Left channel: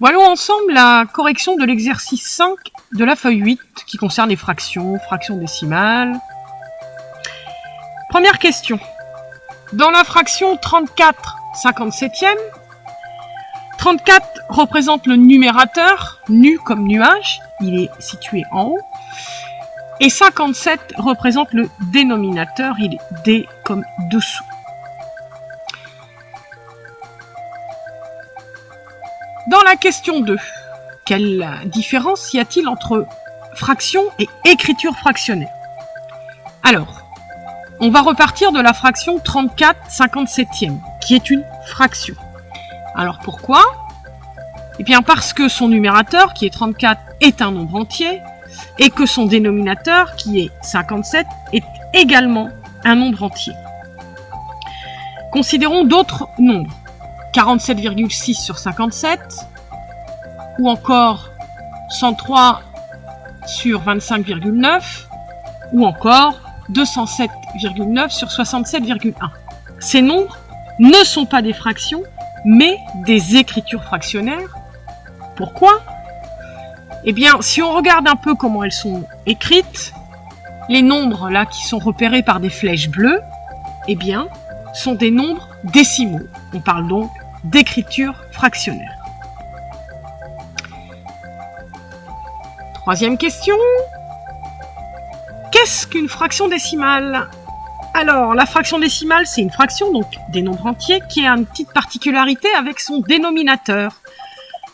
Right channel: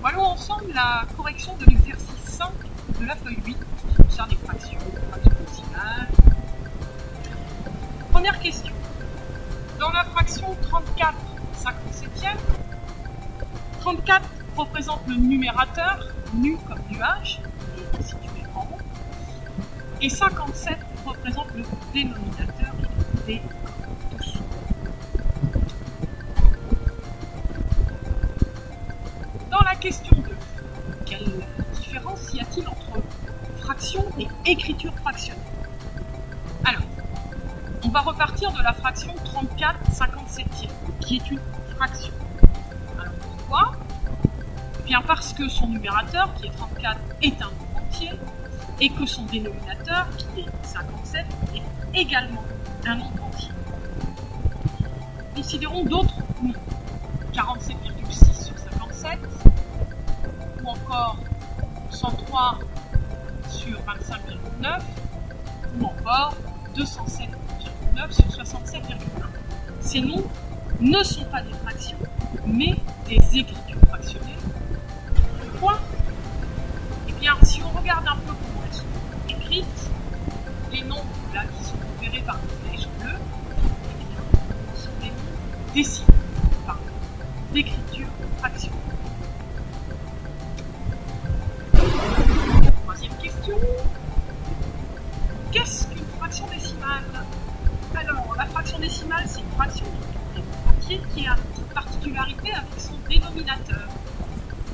Voyons ensemble la correction de l'exercice 5 de la feuille 8 qui concerne les fractions, fractions décimales. Première question. Dans la fraction 34/57e, 34 représente le numérateur, nu comme nuage, il est situé en haut, et 57 représente le dénominateur, il est D comme dessous. Dans la question 2, quelle différence y a-t-il entre fraction et écriture fractionnée? Alors, on va repartir de la fraction 34/57e, qui est une fraction. Alors pourquoi? Eh bien parce que son numérateur, qui est 34, est un nombre entier, et que son dénominateur, qui est 57, est également un nombre entier. Considérons d'autres nombres. 47,6 sur 57, ou encore 103 sur 25,9, ou encore 207,9 sur 67,1. Ces nombres ne sont pas des fractions, mais des écritures fractionnaires. Pourquoi? Eh bien, si on regarde un peu comment elles sont écrites, les nombres là qui sont repérés par des flèches bleues, eh bien, sont des nombres décimaux. On parle donc d'écriture fractionnaire. Troisième question. Qu'est-ce qu'une fraction décimale? Alors, la fraction décimale, c'est une fraction, donc des nombres entiers, qui a une petite particularité avec son dénominateur.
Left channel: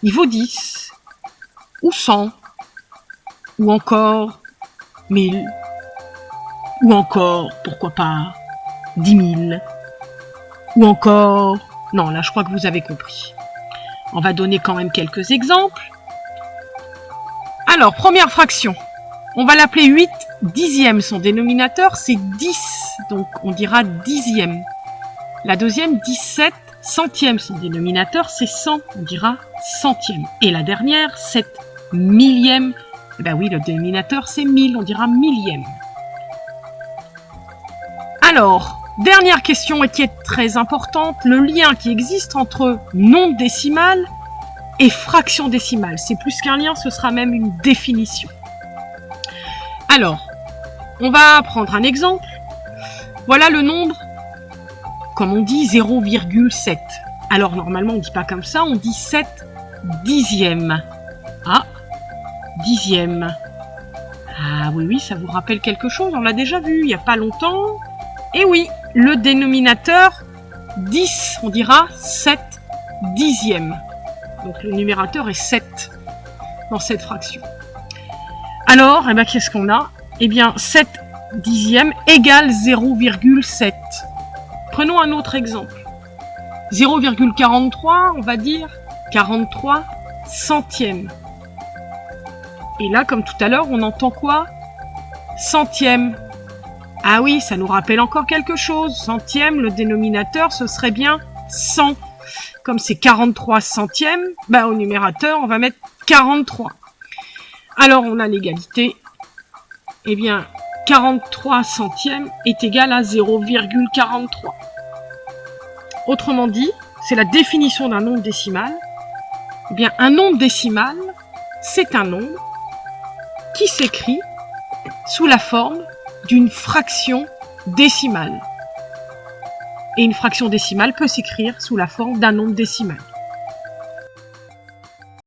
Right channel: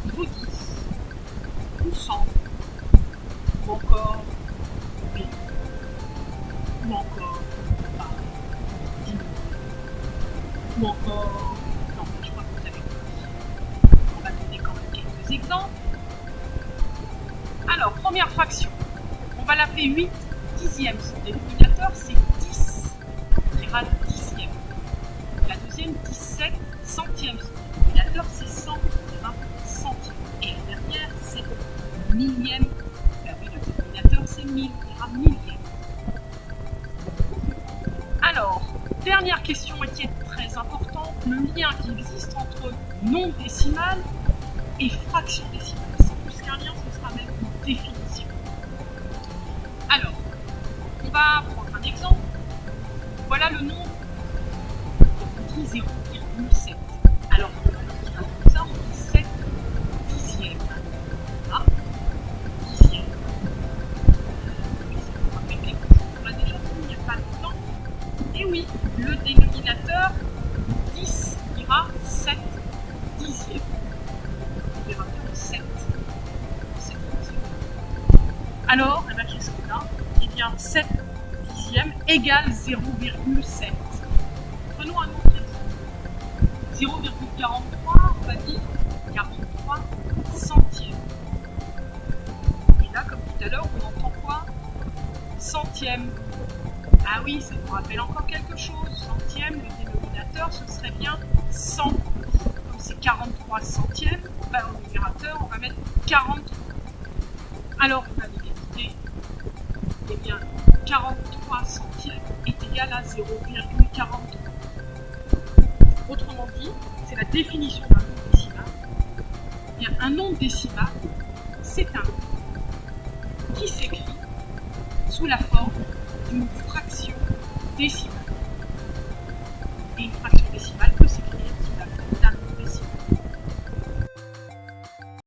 Il vaut 10, ou 100, ou encore 1000, ou encore, pourquoi pas, 10 000, ou encore... Non, là, je crois que vous avez compris. On va donner quand même quelques exemples. Alors, première fraction. On va l'appeler 8 dixièmes. Son dénominateur, c'est 10. Donc, on dira dixième. La deuxième, 17 centièmes. Son dénominateur, c'est 100. On dira centième. Et la dernière, 7 millième. Eh bien oui, le dénominateur, c'est 1000. On dira millième. Alors... Dernière question et qui est très importante, le lien qui existe entre nombre décimal et fraction décimale. C'est plus qu'un lien, ce sera même une définition. Alors, on va prendre un exemple. Voilà le nombre, comme on dit, 0,7. Alors normalement on ne dit pas comme ça, on dit 7 dixièmes. Ah, dixième. Ah oui, ça vous rappelle quelque chose, on l'a déjà vu il n'y a pas longtemps. Et oui, le dénominateur 10, on dira 7 dixièmes. Donc le numérateur est 7 dans cette fraction. Alors, qu'est-ce qu'on a? Eh bien, 7 dixièmes égale 0,7. Prenons un autre exemple. 0,43, on va dire 43 centièmes. Et là, comme tout à l'heure, on entend quoi? Centième. Ah oui, ça nous rappelle encore quelque chose. Centième, le dénominateur, ce serait bien 100. Comme c'est 43 centièmes, au numérateur, on va mettre 43. Alors, on a l'égalité. Eh bien, 43 centièmes est égal à 0,43. Autrement dit, c'est la définition d'un nombre décimal. Eh bien, un nombre décimal, c'est un nombre qui s'écrit sous la forme d'une fraction décimale. Et une fraction décimale peut s'écrire sous la forme d'un nombre décimal.